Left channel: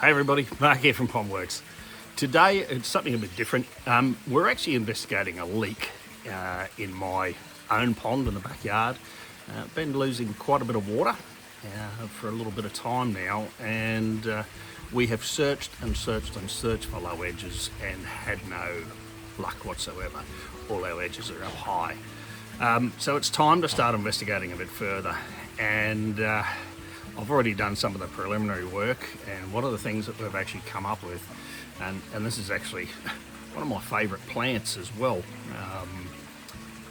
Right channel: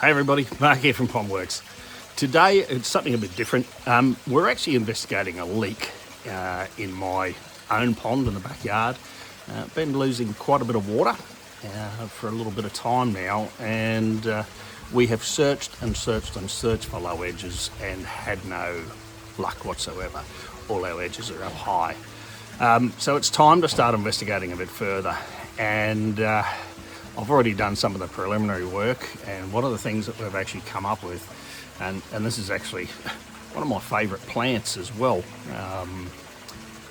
Hey everybody, Mark here from Pondworks. Today it's something a bit different. We're actually investigating a leak in my own pond in the backyard. Been losing quite a bit of water for a little bit of time now, and we have searched and searched and searched for low edges and had no luck whatsoever. All our edges are up high. So it's time to start investigating a bit further, and I've already done some of the preliminary work, and one of the things that we've actually come up with, and this is actually one of my favourite plants as well,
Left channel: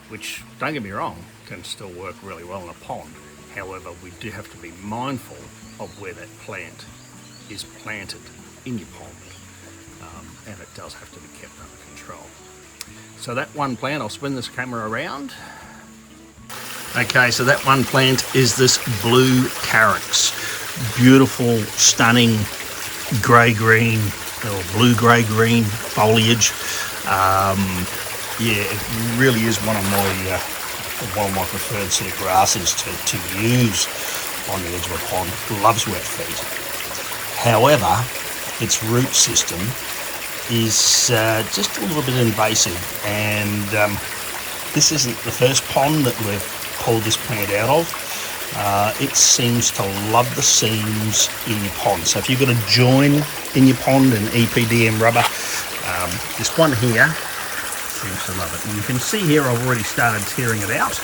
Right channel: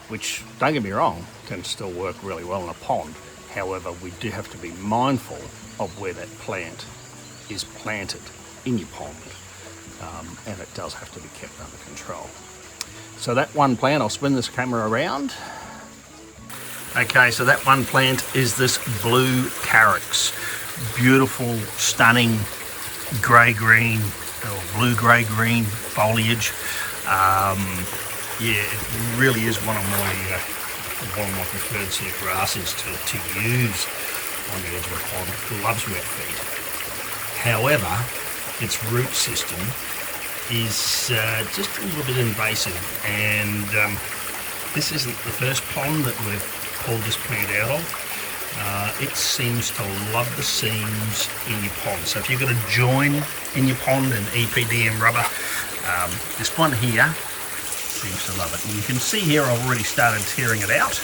which, don't get me wrong, can still work really well in a pond. However, we do have to be mindful of where that plant is planted in your pond, and it does have to be kept under control. So that one plant, I'll spin this camera around. Okay, so that one plant is this blue carex. Beautiful, stunning grey-green or blue-grey-green foliage. Yeah, it really is one of my preferred sort of grasses to use on the edge of a pond. Loves wet feet. However, its root system is just a little bit invasive, and this isn't the first pond that we've pulled this plant out of. It seems to love the seams in your pond. So if you've got a join in your pond in EPDM rubber, this one here seems to love it. And you can see here I've already started tearing it out,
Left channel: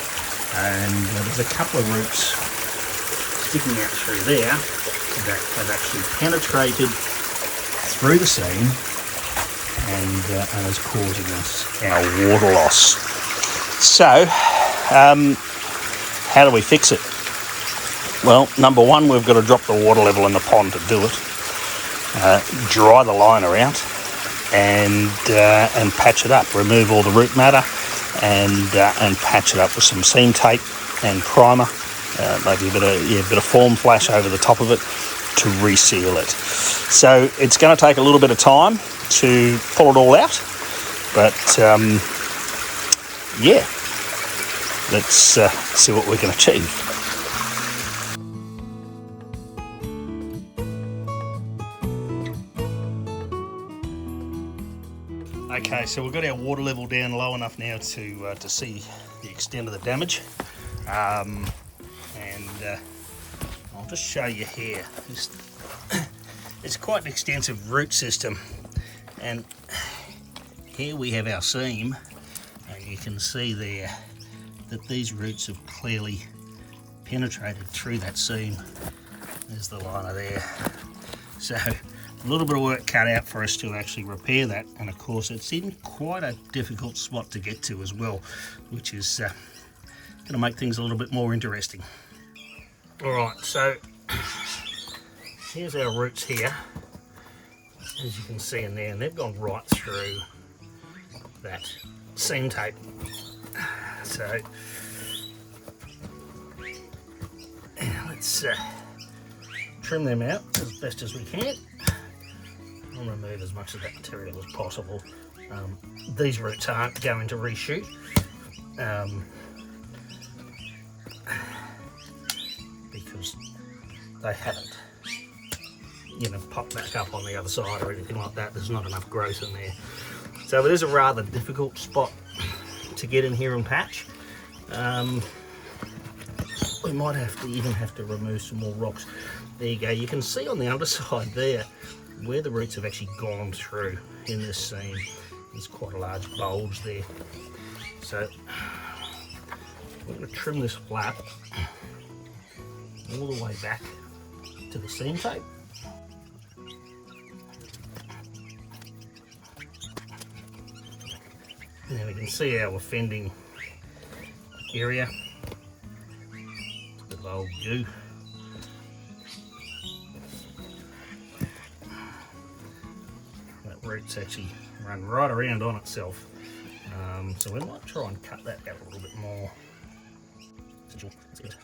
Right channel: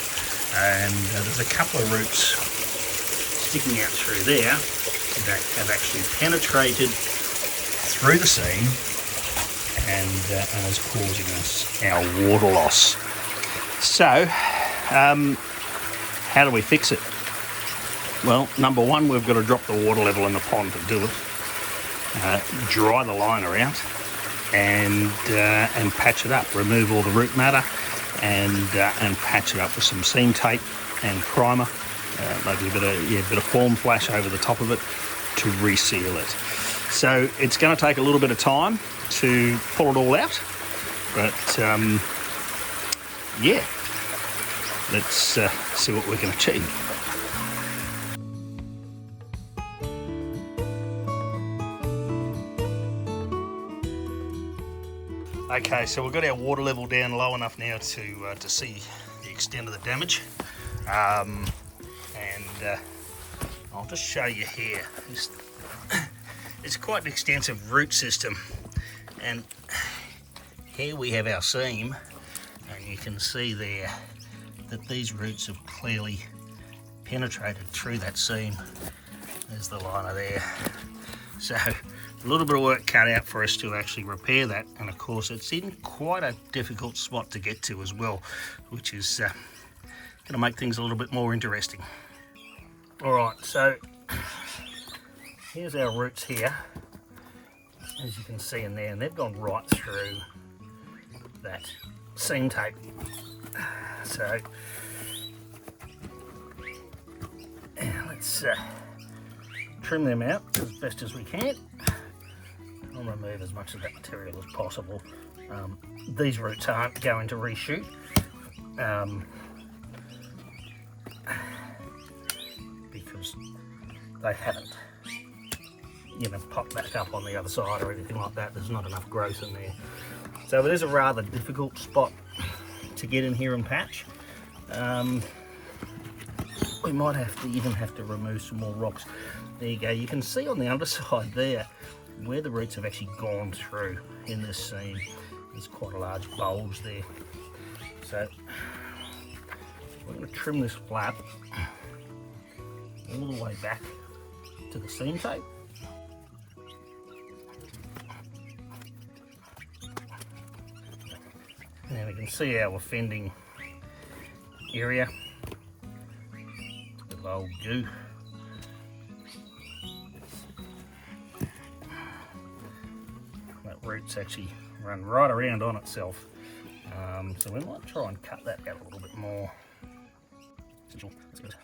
and there's a couple of roots sticking out through there that have actually penetrated through the seam and is causing us our water loss. So how do we fix it? Well, number one, we've got to drop the water level in the pond to do it. Dry the liner out and patch it up. Remove all the root matter and patch it up with some seam tape and primer. Maybe a bit of foam flash over the top of it to reseal it. So it's going to take a little bit of time to pull it all out, but yeah. Let's see what we can achieve. Okay, so we've got our water level down low enough now to see the extent of the damage, and I'll just show you here. It's quite an extensive root system, and here we have our seam, and you can see there that these roots have clearly penetrated through that seam. There's the liner there. So a little bit of work cut out for us to actually repair that, and of course it's in quite a difficult spot to get to as well, which is going to make things a little bit more interesting. Alright, so here's our roots here, as you can see in there, and they've gone right through that seam tape. So let's trim them out as best as we can. I'll remove as much of that material as possible. These roots aren't going to reshoot, because they haven't, popped back up on the other side or anything like that. There's not enough growth in there. So it is a rather difficult spot to get in here and patch. We might even have to remove some more rocks. There you go. You can see on the underside there where the roots have actually gone through in this seam. There's quite a large bulge there. So we're going to trim this flap all the way back to the seam tape. Now we can see our offending area. It's a bit of old goo. That root's actually run right around on itself. So we might try and cut that out a little bit more. That's good.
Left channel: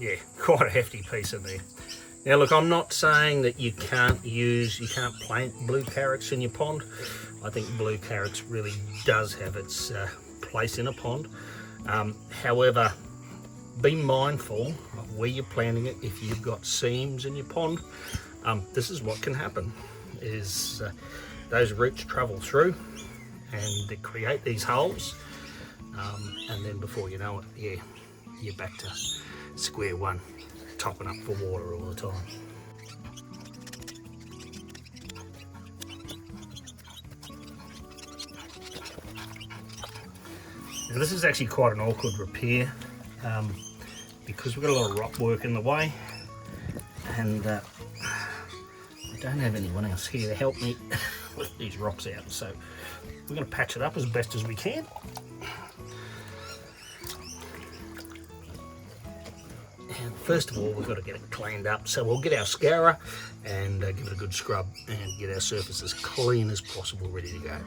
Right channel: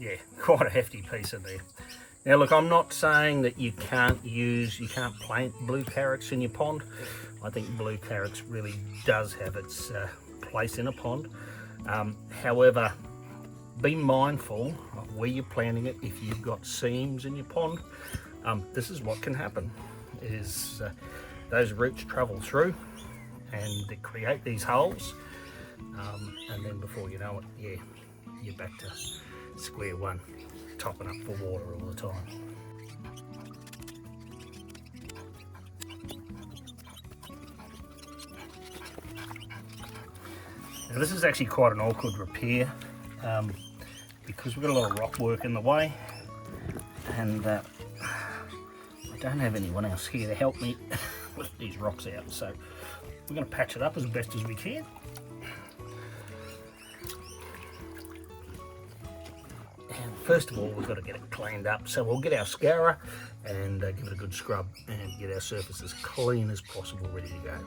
Yeah, quite a hefty piece in there. Now look, I'm not saying that you can't plant blue carex in your pond. I think blue carex really does have its place in a pond. However, be mindful of where you're planting it. If you've got seams in your pond, this is what can happen, is those roots travel through and they create these holes, and then before you know it, yeah, you're back to square one, topping up for water all the time. Now this is actually quite an awkward repair, because we've got a lot of rock work in the way, and I don't have anyone else here to help me with these rocks out, so we're going to patch it up as best as we can. And first of all, we've got to get it cleaned up, so we'll get our scourer and give it a good scrub and get our surface as clean as possible, ready to go.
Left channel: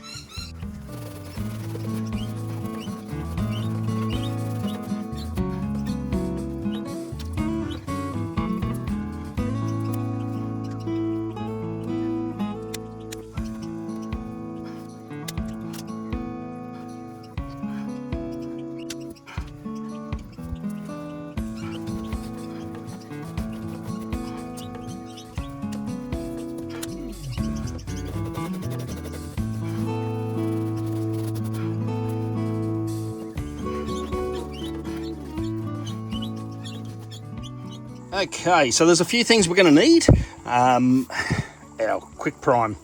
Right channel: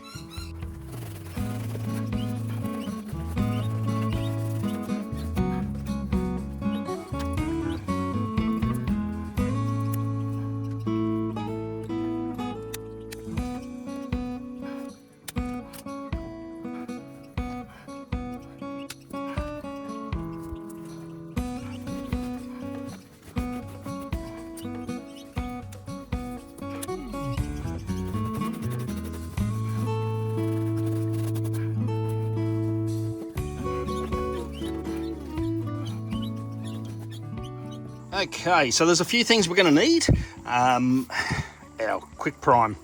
Okay, so there's a few things we're going to need. Our quick prime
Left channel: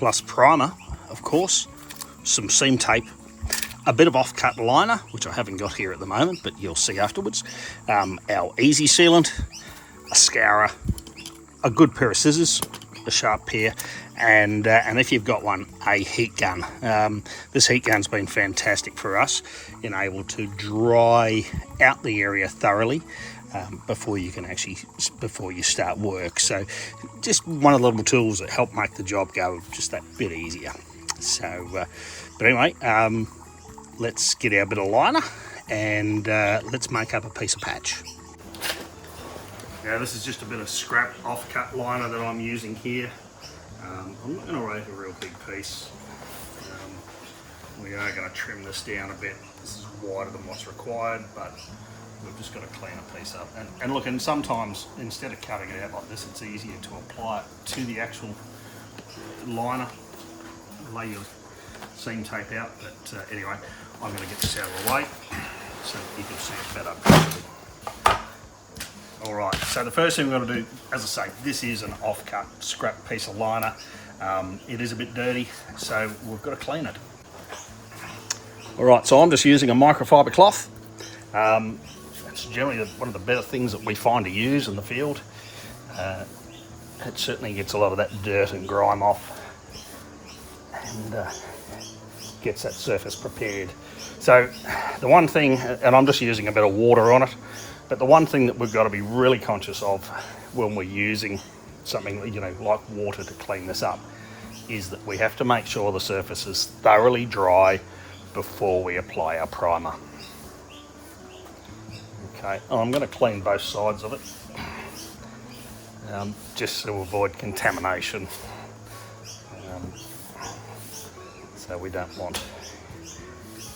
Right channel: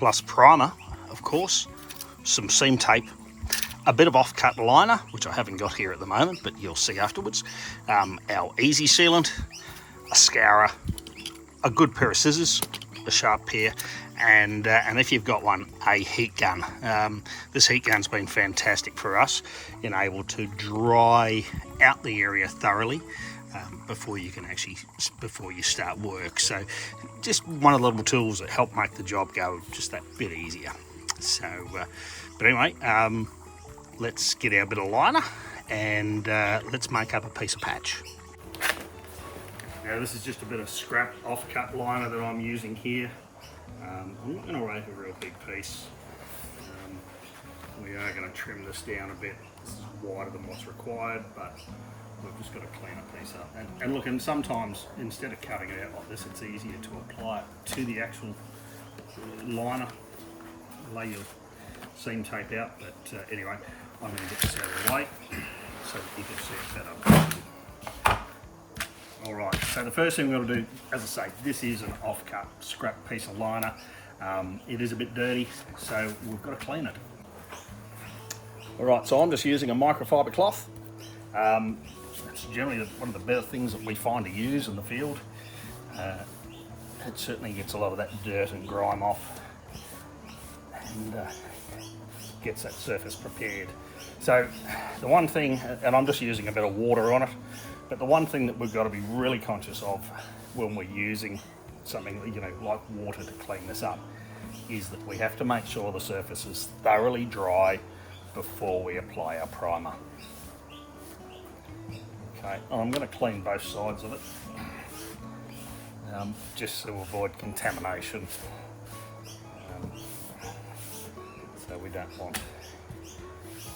plus primer, of course, some seam tape, a bit of off-cut liner, which I haven't got here at the moment, but you'll see afterwards, our easy sealant, a scourer, a good pair of scissors, a sharp pair, and if you've got one, a heat gun. This heat gun's been fantastic for us in able to dry out the area thoroughly before you start work. So just one of the little tools that help make the job go just that bit easier. So but anyway, let's get our bit of liner and let's make up a piece of patch. Now this is just a bit of scrap off-cut liner that I'm using here. I'm not going to rake a real big piece. We are going to trim this down a bit. This is wider than what's required, but we've just got to clean a piece up. And look, and sometimes instead of cutting it out like this, it's easier to apply it to the actual liner, lay your seam tape out. But anyway, I'm going to get this out of the way so that you can see it better. Alright, so the first thing we're going to do, as I say, this is an off-cut scrap piece of liner. It is a bit dirty, so we've got to clean it. Alright, so I'm just using a microfiber cloth. It's generally one of the better things that we find to use in the field. It certainly gets a lot of that dirt and grime off and gets that surface prepared. So the one thing, and I'm just using a bit of water on it, but the one thing that we've got to be really conscious of when we're using something, you know, like water to clean this up, is that we have to make sure the surface is thoroughly dry before we apply our primer. Okay, I'm going to clean both sides of it, just to avoid contamination. So we don't want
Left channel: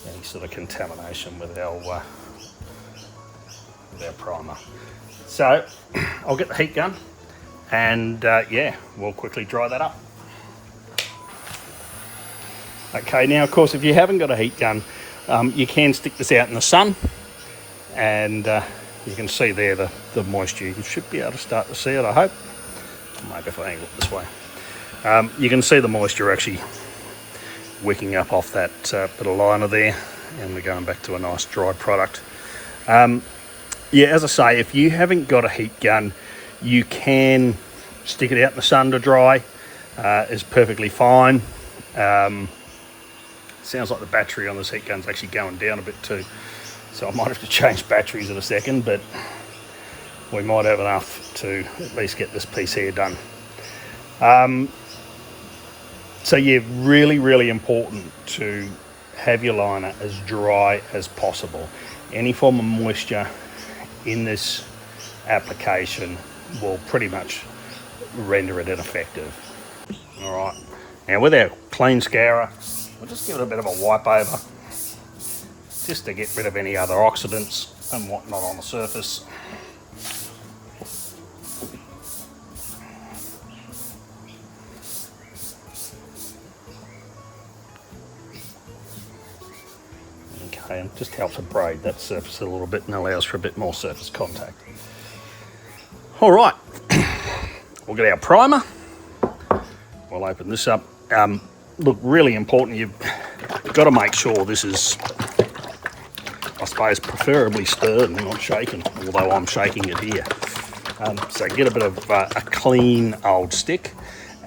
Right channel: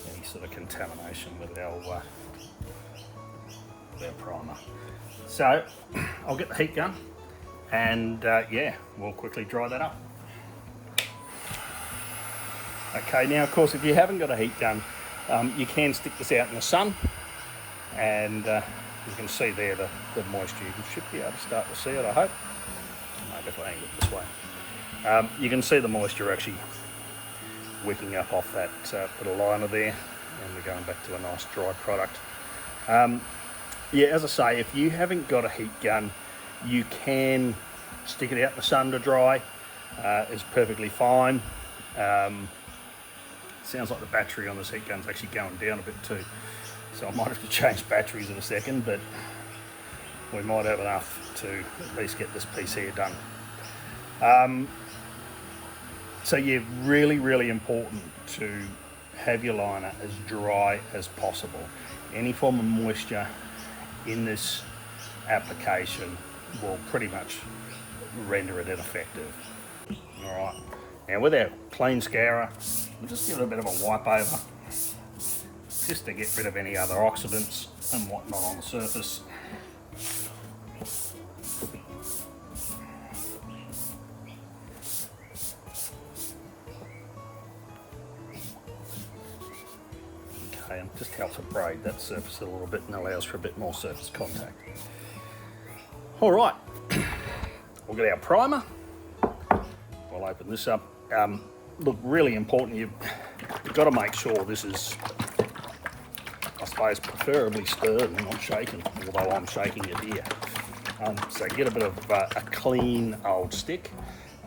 any sort of contamination with our primer. So I'll get the heat gun and yeah, we'll quickly dry that up. Okay, now of course if you haven't got a heat gun, you can stick this out in the sun, and you can see there the moisture. You should be able to start to see it, I hope. Maybe if I angle it this way. You can see the moisture actually wicking up off that bit of liner there, and we're going back to a nice dry product. Yeah, as I say, if you haven't got a heat gun, you can stick it out in the sun to dry. It's perfectly fine. Sounds like the battery on this heat gun's actually going down a bit too, so I might have to change batteries in a second, but we might have enough to at least get this piece here done. So yeah, really important to have your liner as dry as possible. Any form of moisture in this application will pretty much render it ineffective. Alright, now with our clean scourer, we'll just give it a bit of a wipe over. just to get rid of any other oxidants and whatnot on the surface. Okay, and just helps abrade that surface a little bit and allows for a bit more surface contact. All right, we'll get our primer. We'll open this up. Look, really important, you've got to make sure this is, I suppose, preferably stirred and not shaken, although I'm shaking it here. So get a bit of a clean old stick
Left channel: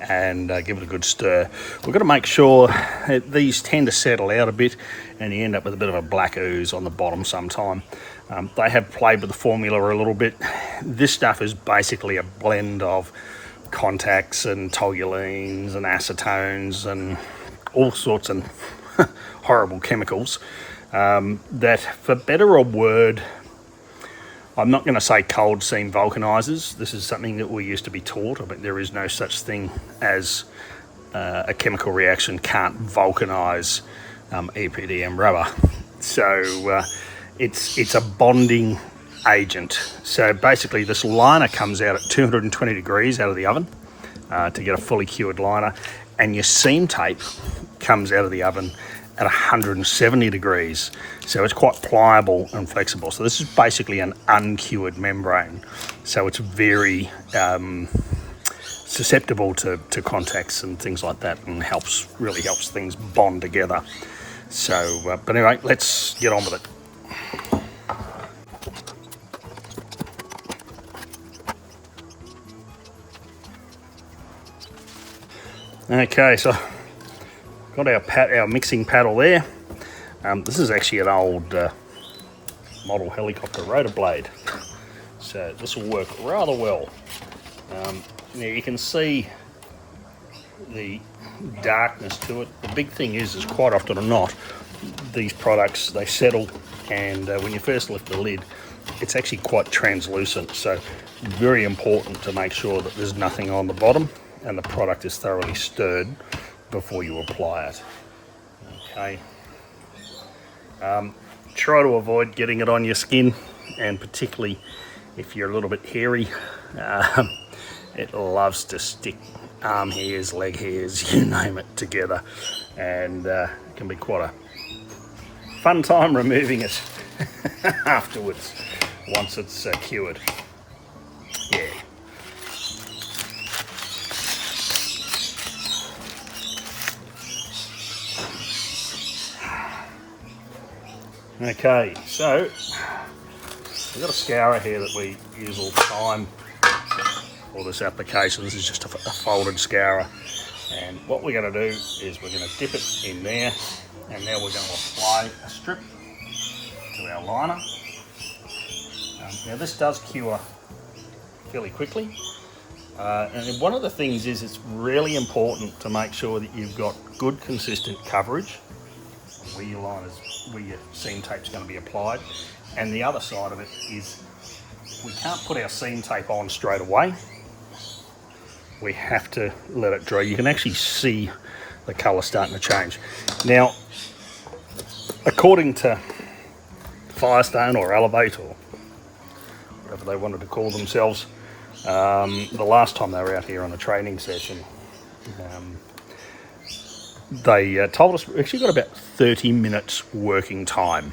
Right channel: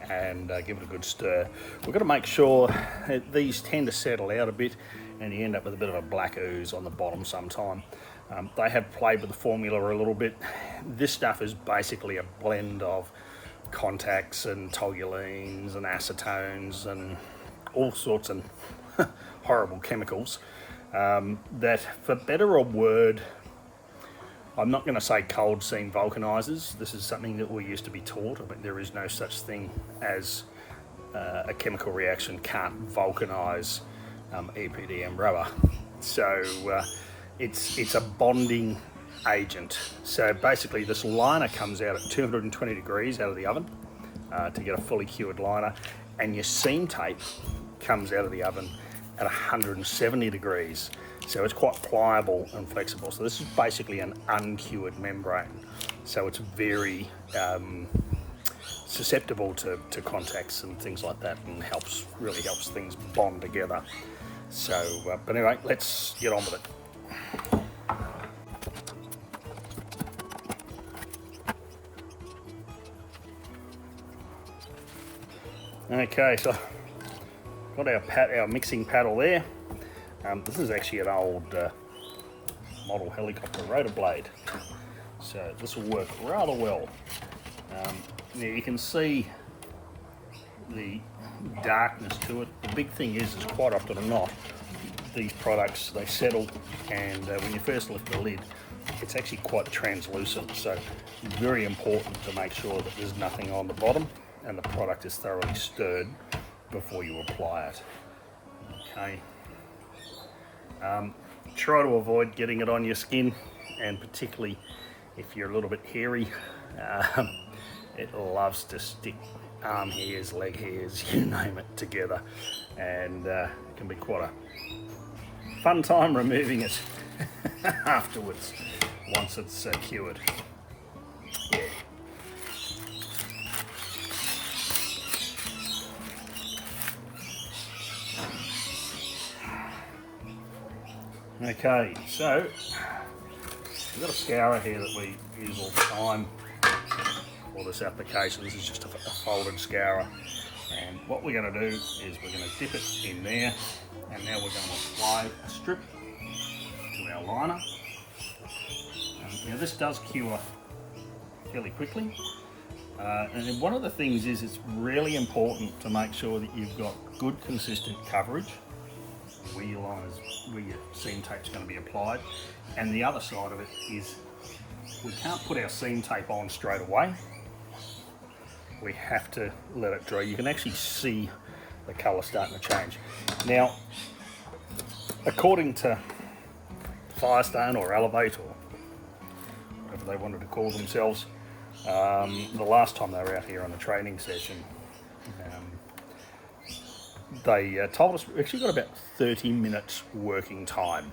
and give it a good stir. We've got to make sure that these tend to settle out a bit and you end up with a bit of a black ooze on the bottom sometime. They have played with the formula a little bit. This stuff is basically a blend of contacts and toluenes and acetones and all sorts of horrible chemicals that, for better or word, I'm not going to say cold seam vulcanizers. This is something that we used to be taught, but there is no such thing as a chemical reaction can't vulcanize EPDM rubber. So it's a bonding agent. So basically this liner comes out at 220 degrees out of the oven to get a fully cured liner, and your seam tape comes out of the oven at 170 degrees. So it's quite pliable and flexible. So this is basically an uncured membrane. So it's very susceptible to contacts and things like that, and really helps things bond together. So, but anyway, let's get on with it. Okay, so got our mixing paddle there. This is actually an old model helicopter rotor blade, so this will work rather well. Now you can see the darkness to it. The big thing is quite often or not, these products, they settle, and when you first lift the lid, it's actually quite translucent. So very important to make sure that there's nothing on the bottom and the product is thoroughly stirred before you apply it. Okay. Try to avoid getting it on your skin, and particularly if you're a little bit hairy, it loves to stick arm hairs, leg hairs, you name it, together, and it can be quite a fun time removing it afterwards once it's cured. Yeah. Okay, so we've got a scourer here that we use all the time for this application. This is just a folded scourer, and what we're going to do is we're going to dip it in there, and now we're going to apply a strip to our liner. Now this does cure fairly quickly, and one of the things is it's really important to make sure that you've got good consistent coverage where your seam tape's going to be applied. And the other side of it is we can't put our seam tape on straight away. We have to let it dry. You can actually see the colour starting to change. Now, according to Firestone or Elevate or whatever they wanted to call themselves, the last time they were out here on a training session, they told us we've actually got about 30 minutes working time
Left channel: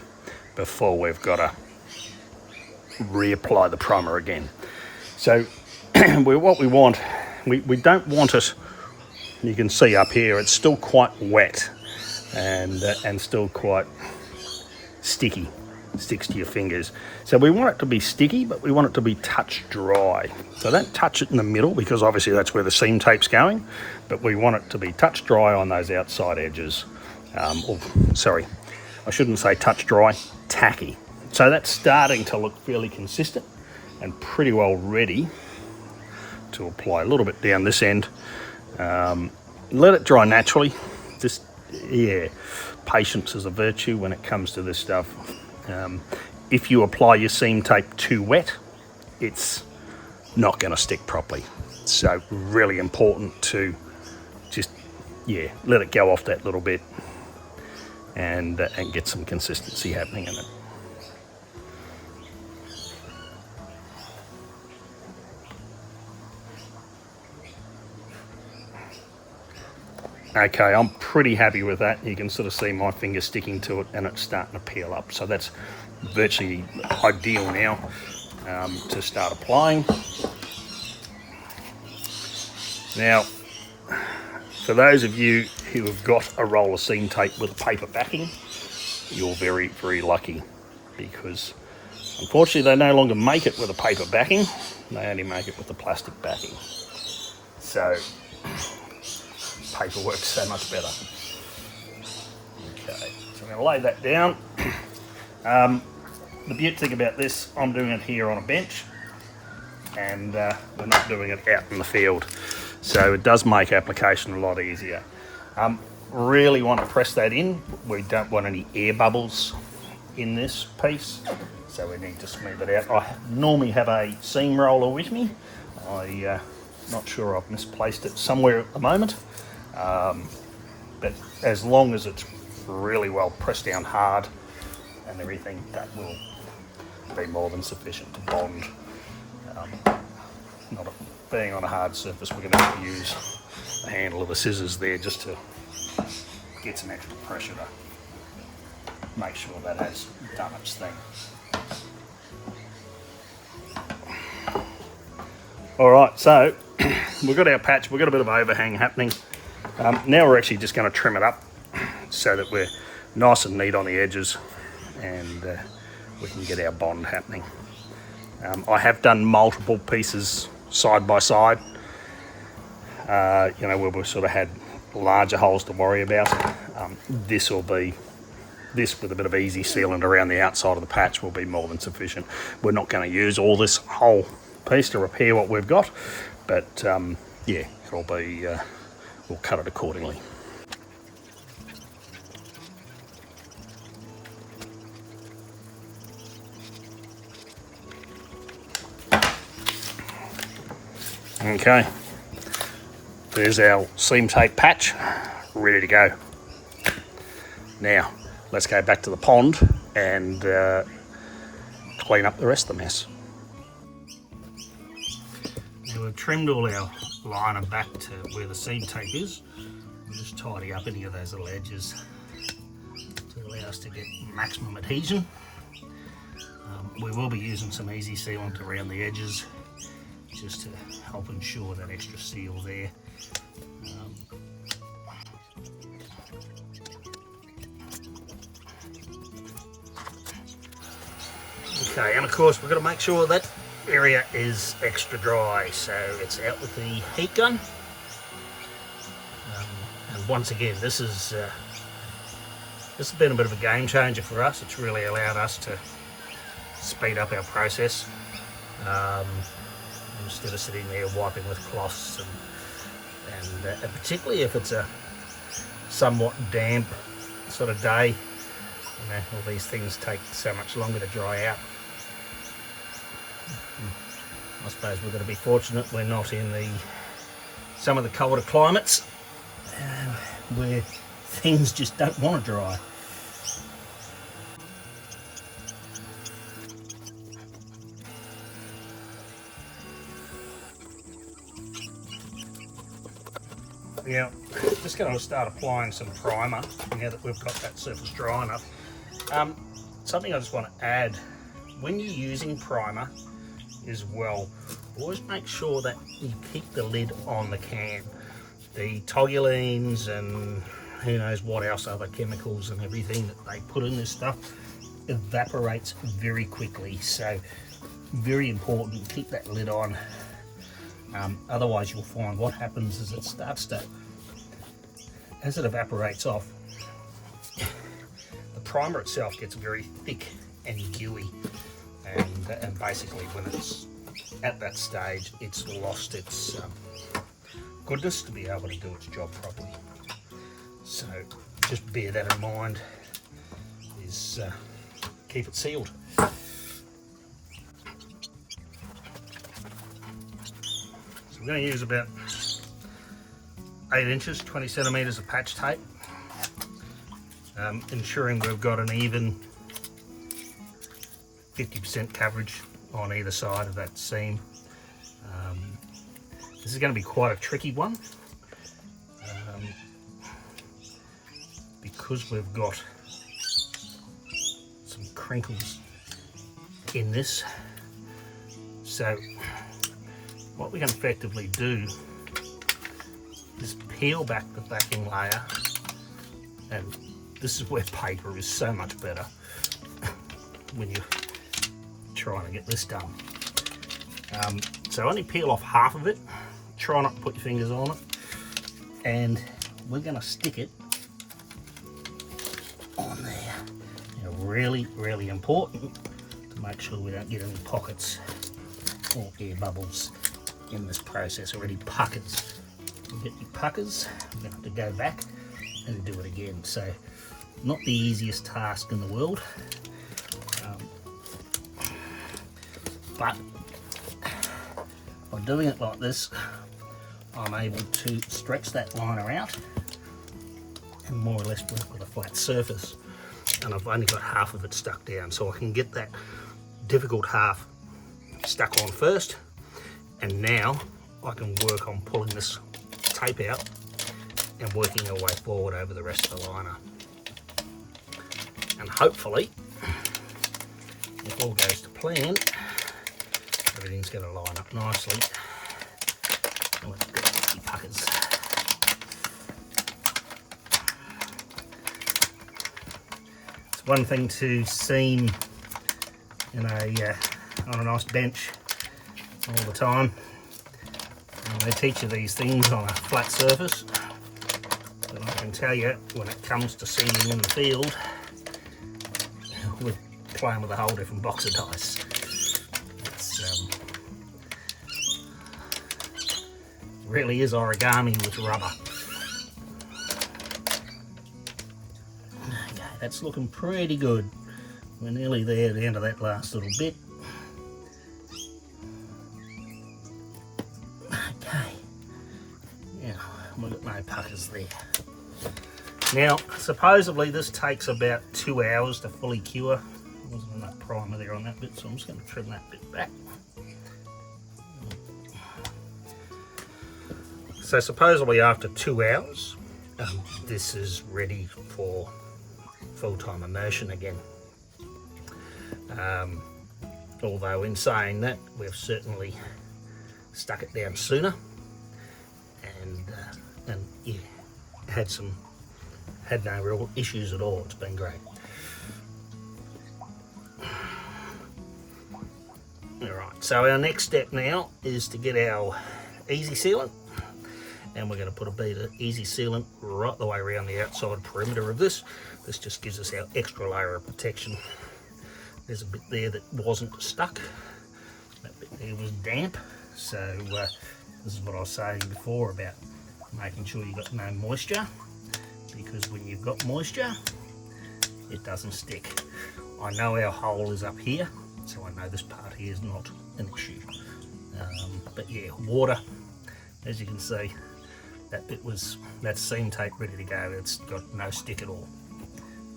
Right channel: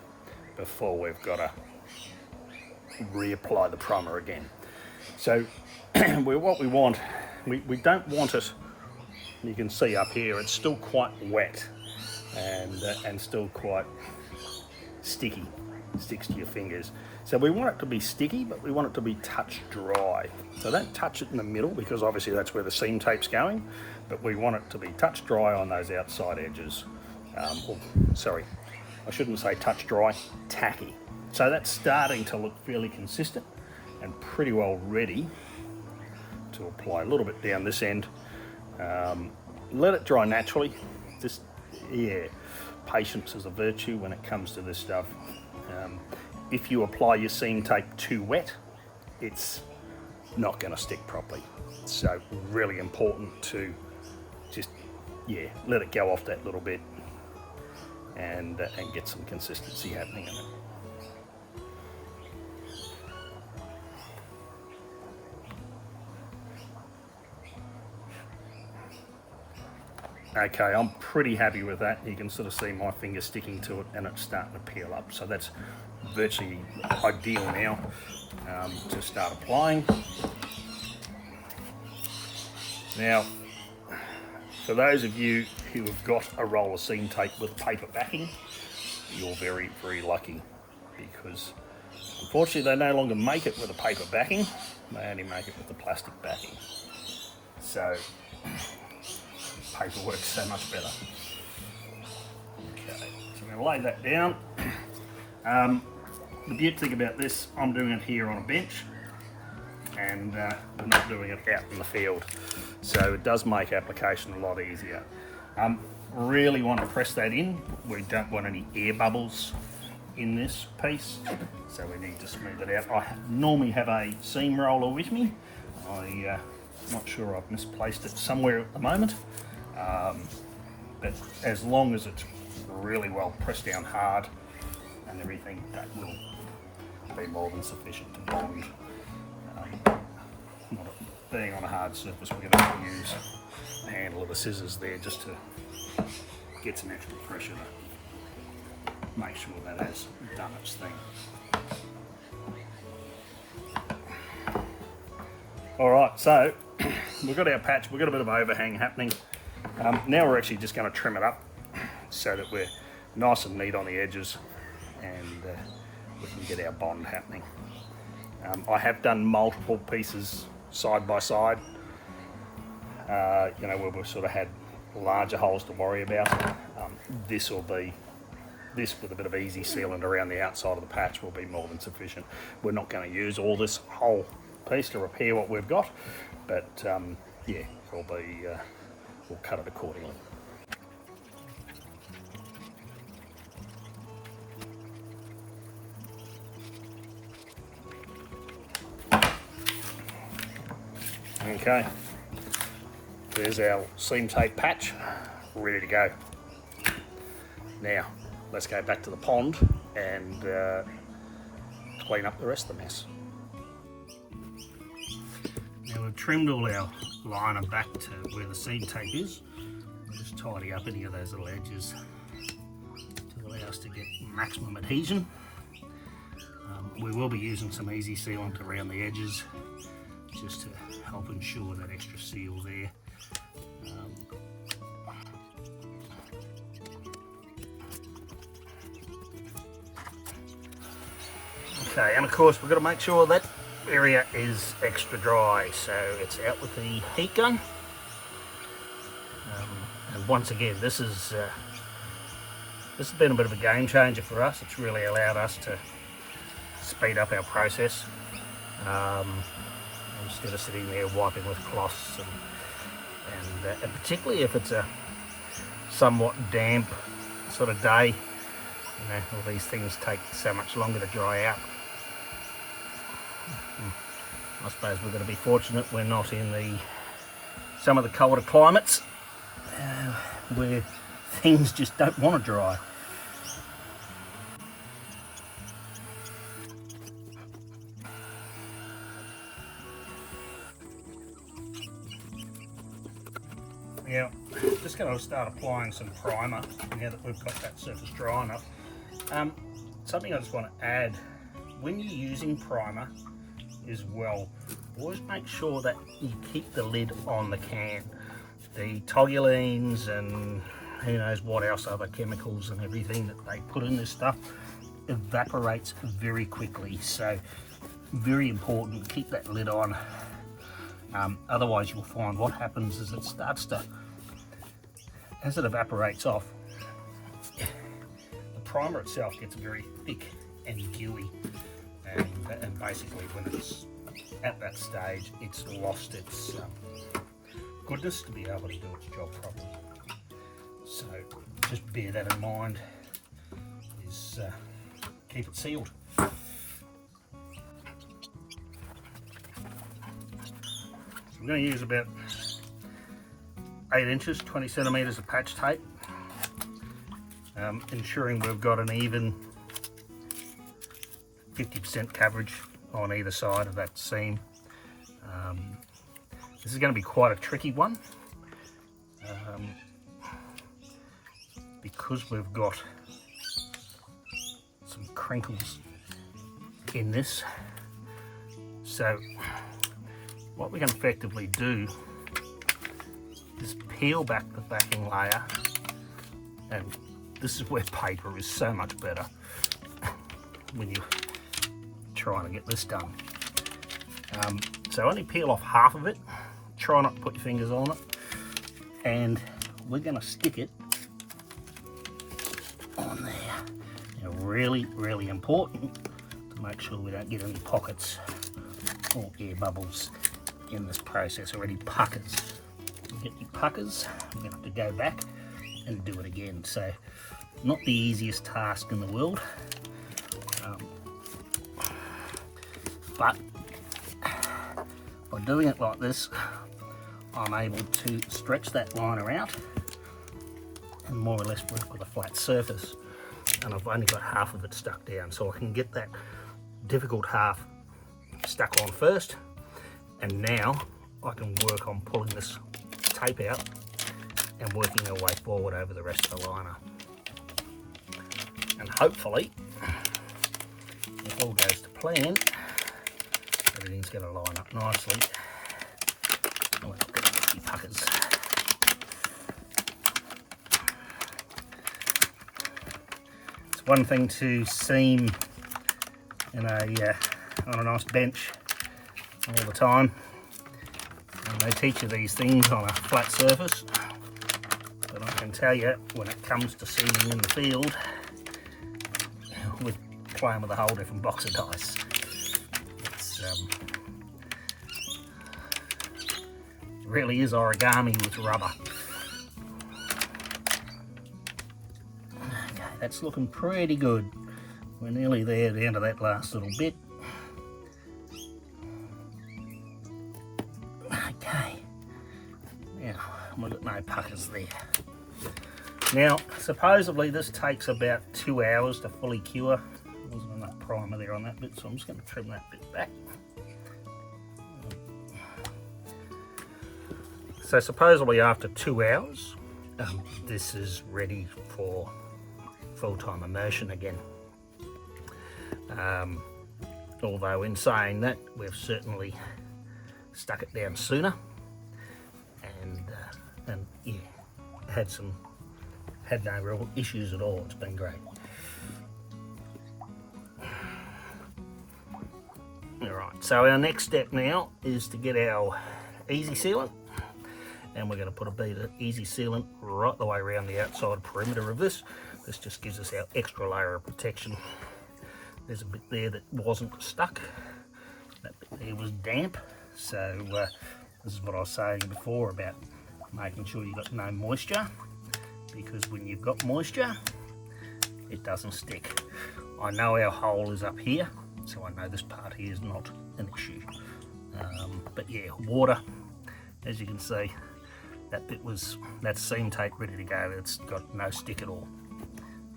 before we've got to reapply the primer again. So what we want, we don't want it, you can see up here, it's still quite wet and still quite sticky, sticks to your fingers. So we want it to be sticky, but we want it to be touch dry. So don't touch it in the middle, because obviously that's where the seam tape's going, but we want it to be touch dry on those outside edges. Sorry, I shouldn't say touch dry, tacky. So that's starting to look fairly consistent and pretty well ready to apply. A little bit down this end. Let it dry naturally. Just, yeah, patience is a virtue when it comes to this stuff. If you apply your seam tape too wet, it's not going to stick properly. So really important to just, yeah, let it go off that little bit. and get some consistency happening in it. Okay, I'm pretty happy with that. You can sort of see my finger sticking to it and it's starting to peel up. So that's virtually ideal now to start applying. Now, for those of you who have got a roll of seam tape with paper backing, you're very, very lucky, because unfortunately they no longer make it with a paper backing, they only make it with the plastic backing. So paper works so much better. Okay, so I'm going to lay that down. The beauty thing about this, I'm doing it here on a bench, and we're not doing it out in the field. So it does make application a lot easier. Really want to press that in. We don't want any air bubbles in this piece, so we need to smooth it out. I normally have a seam roller with me. I'm not sure, I've misplaced it somewhere at the moment. But as long as it's really well pressed down hard and everything, that will be more than sufficient to bond. Not being on a hard surface, we're going to have to use the handle of the scissors there just to get some extra pressure to make sure that has done its thing. Alright, so we've got our patch, we've got a bit of overhang happening. Now we're actually just going to trim it up so that we're nice and neat on the edges, and we can get our bond happening. I have done multiple pieces side by side, you know, where we've sort of had larger holes to worry about. This with a bit of easy sealant around the outside of the patch will be more than sufficient. We're not going to use all this whole piece to repair what we've got, but yeah, it'll be, we'll cut it accordingly. Okay, there's our seam tape patch ready to go. Now let's go back to the pond and clean up the rest of the mess. Now we've trimmed all our liner back to where the seam tape is. We'll just tidy up any of those little edges to allow us to get maximum adhesion. We will be using some easy sealant around the edges just to help ensure that extra seal there. Okay, and of course we've got to make sure that area is extra dry, so it's out with the heat gun. And once again, this has been a bit of a game changer for us. It's really allowed us to speed up our process. Instead of sitting there wiping with cloths, and particularly if it's a somewhat damp sort of day, you know, all these things take so much longer to dry out. I suppose we're going to be fortunate we're not in some of the colder climates where things just don't want to dry. Yeah, just going to start applying some primer now that we've got that surface dry enough. Something I just want to add, when you're using primer as well, always make sure that you keep the lid on the can. The toluenes and who knows what else, other chemicals and everything that they put in this stuff evaporates very quickly, so very important to keep that lid on. Otherwise you'll find what happens is it starts to, as it evaporates off, the primer itself gets very thick and gooey, and basically when it's at that stage it's lost its goodness to be able to do its job properly. So just bear that in mind, is keep it sealed. I'm going to use about 8 inches, 20 centimetres of patch tape. ensuring we've got an even 50% coverage on either side of that seam. This is going to be quite a tricky one because we've got some crinkles in this. So what we can effectively do is peel back the backing layer, and this is where paper is so much better when you're trying to get this done. So only peel off half of it, try not to put your fingers on it, and we're going to stick it on there. Now really important to make sure we don't get any pockets or air bubbles in this process, or any puckers. You get your puckers, I'm going to have to go back and do it again. So not the easiest task in the world, but by doing it like this, I'm able to stretch that liner out and more or less work with a flat surface. And I've only got half of it stuck down, so I can get that difficult half stuck on first, and now I can work on pulling this tape out and working our way forward over the rest of the liner. And hopefully, if all goes to plan, everything's going to line up nicely. And we've got a few puckers. It's one thing to seam in on a nice bench all the time, and they teach you these things on a flat surface, but I can tell you, when it comes to seaming in the field, we're playing with a whole different box of dice. It really is origami with rubber. Okay, that's looking pretty good. We're nearly there at the end of that last little bit. Okay, now we've got no puckers there. Now, supposedly this takes about 2 hours to fully cure. There wasn't enough primer there on that bit, so I'm just going to trim that bit back. So supposedly after 2 hours, this is ready for full-time immersion again. Although in saying that, we've certainly stuck it down sooner, and yeah, had no real issues at all. It's been great. All right, so our next step now is to get our easy sealant, and we're going to put a bead of easy sealant right the way around the outside perimeter of this. This just gives us our extra layer of protection. There's a bit there that wasn't stuck. That bit there was damp. So this is what I was saying before about making sure you've got no moisture, because when you've got moisture, it doesn't stick. I know our hole is up here, so I know this part here is not an issue. But yeah, water, as you can see, that's seam tape ready to go. It's got no stick at all.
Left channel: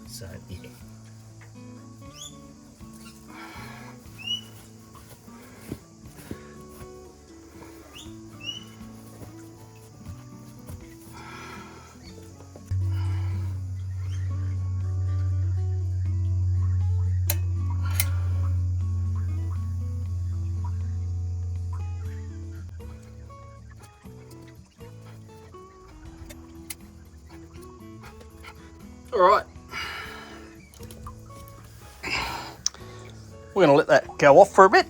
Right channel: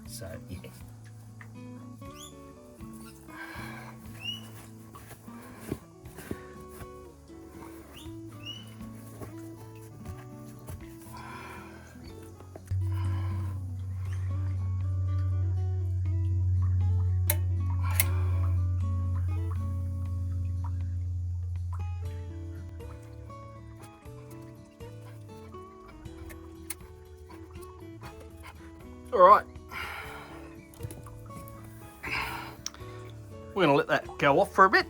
So yeah. All right, we're going to let that go off for a bit,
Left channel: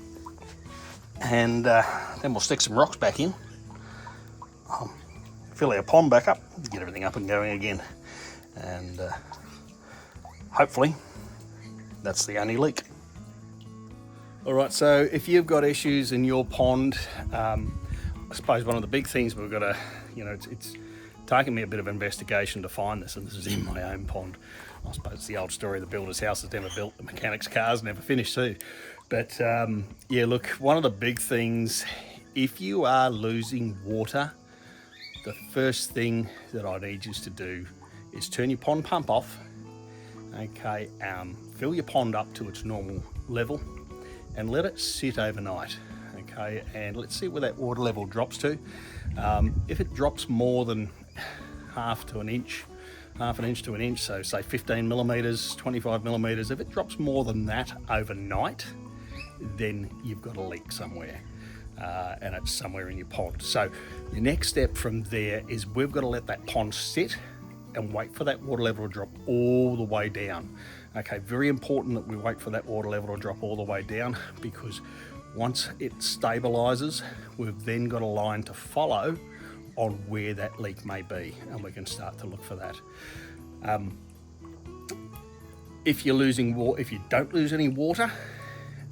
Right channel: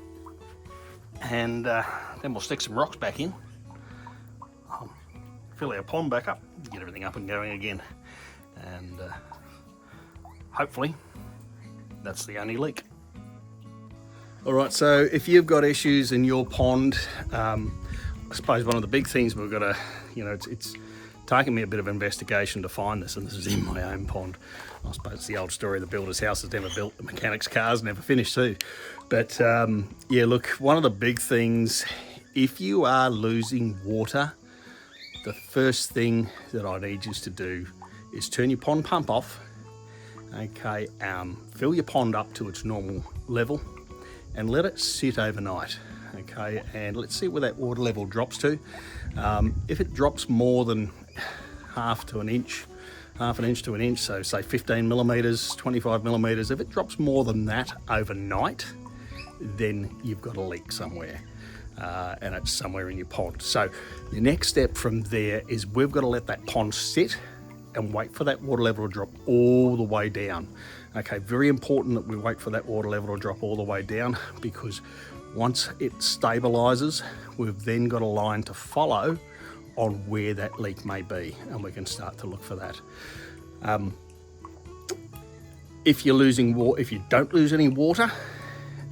and then we'll stick some rocks back in, fill our pond back up, get everything up and going again, and hopefully that's the only leak. All right, so if you've got issues in your pond, I suppose one of the big things we've got to, it's taken me a bit of investigation to find this, and this is in my own pond. I suppose it's the old story, the builder's house is never built, the mechanic's car's never finished too. But yeah, look, one of the big things, if you are losing water, the first thing that I need you to do is turn your pond pump off Okay, fill your pond up to its normal level and let it sit overnight. Okay, and let's see where that water level drops to. If it drops more than half an inch to an inch, so say 15 millimeters, 25 millimeters, if it drops more than that overnight, then you've got a leak somewhere, and it's somewhere in your pond. So your next step from there is we've got to let that pond sit and wait for that water level to drop all the way down. Okay, very important that we wait for that water level to drop all the way down, because once it stabilizes, we've then got a line to follow on where that leak may be, and we can start to look for that. If you don't lose any water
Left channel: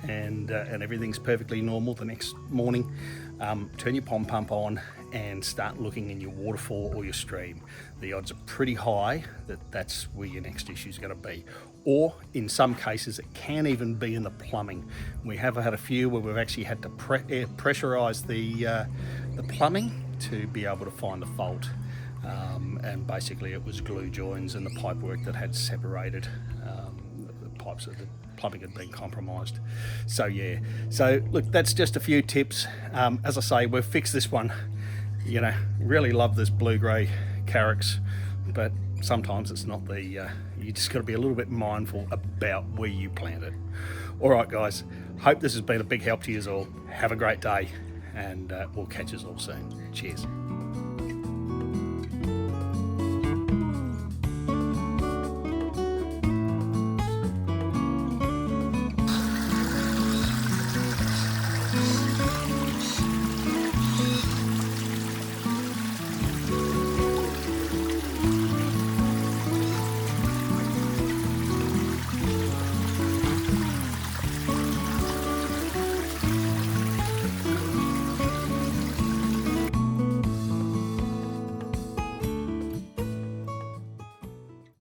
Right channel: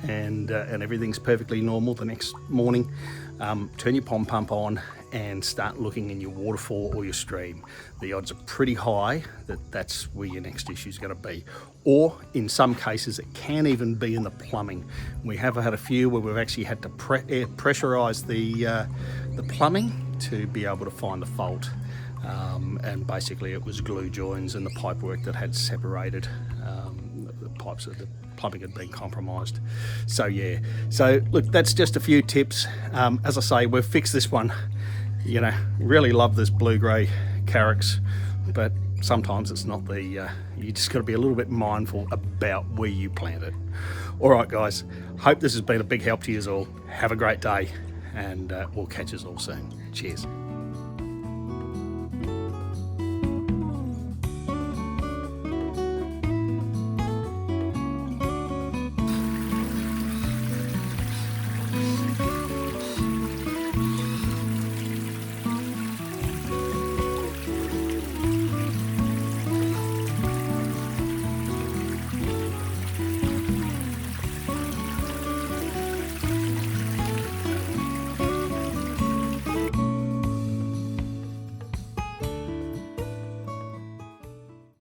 and everything's perfectly normal the next morning, turn your pond pump on and start looking in your waterfall or your stream. The odds are pretty high that that's where your next issue is going to be. Or in some cases, it can even be in the plumbing. We have had a few where we've actually had to pressurize the plumbing to be able to find the fault. And basically it was glue joins and the pipework that had separated. The pipes of the plumbing had been compromised. So yeah, so look, that's just a few tips. As I say, we've fixed this one. You know, really love this blue-grey Carex, but sometimes it's not the, you just got to be a little bit mindful about where you plant it. All right, guys, hope this has been a big help to you all. Have a great day, and we'll catch us all soon. Cheers.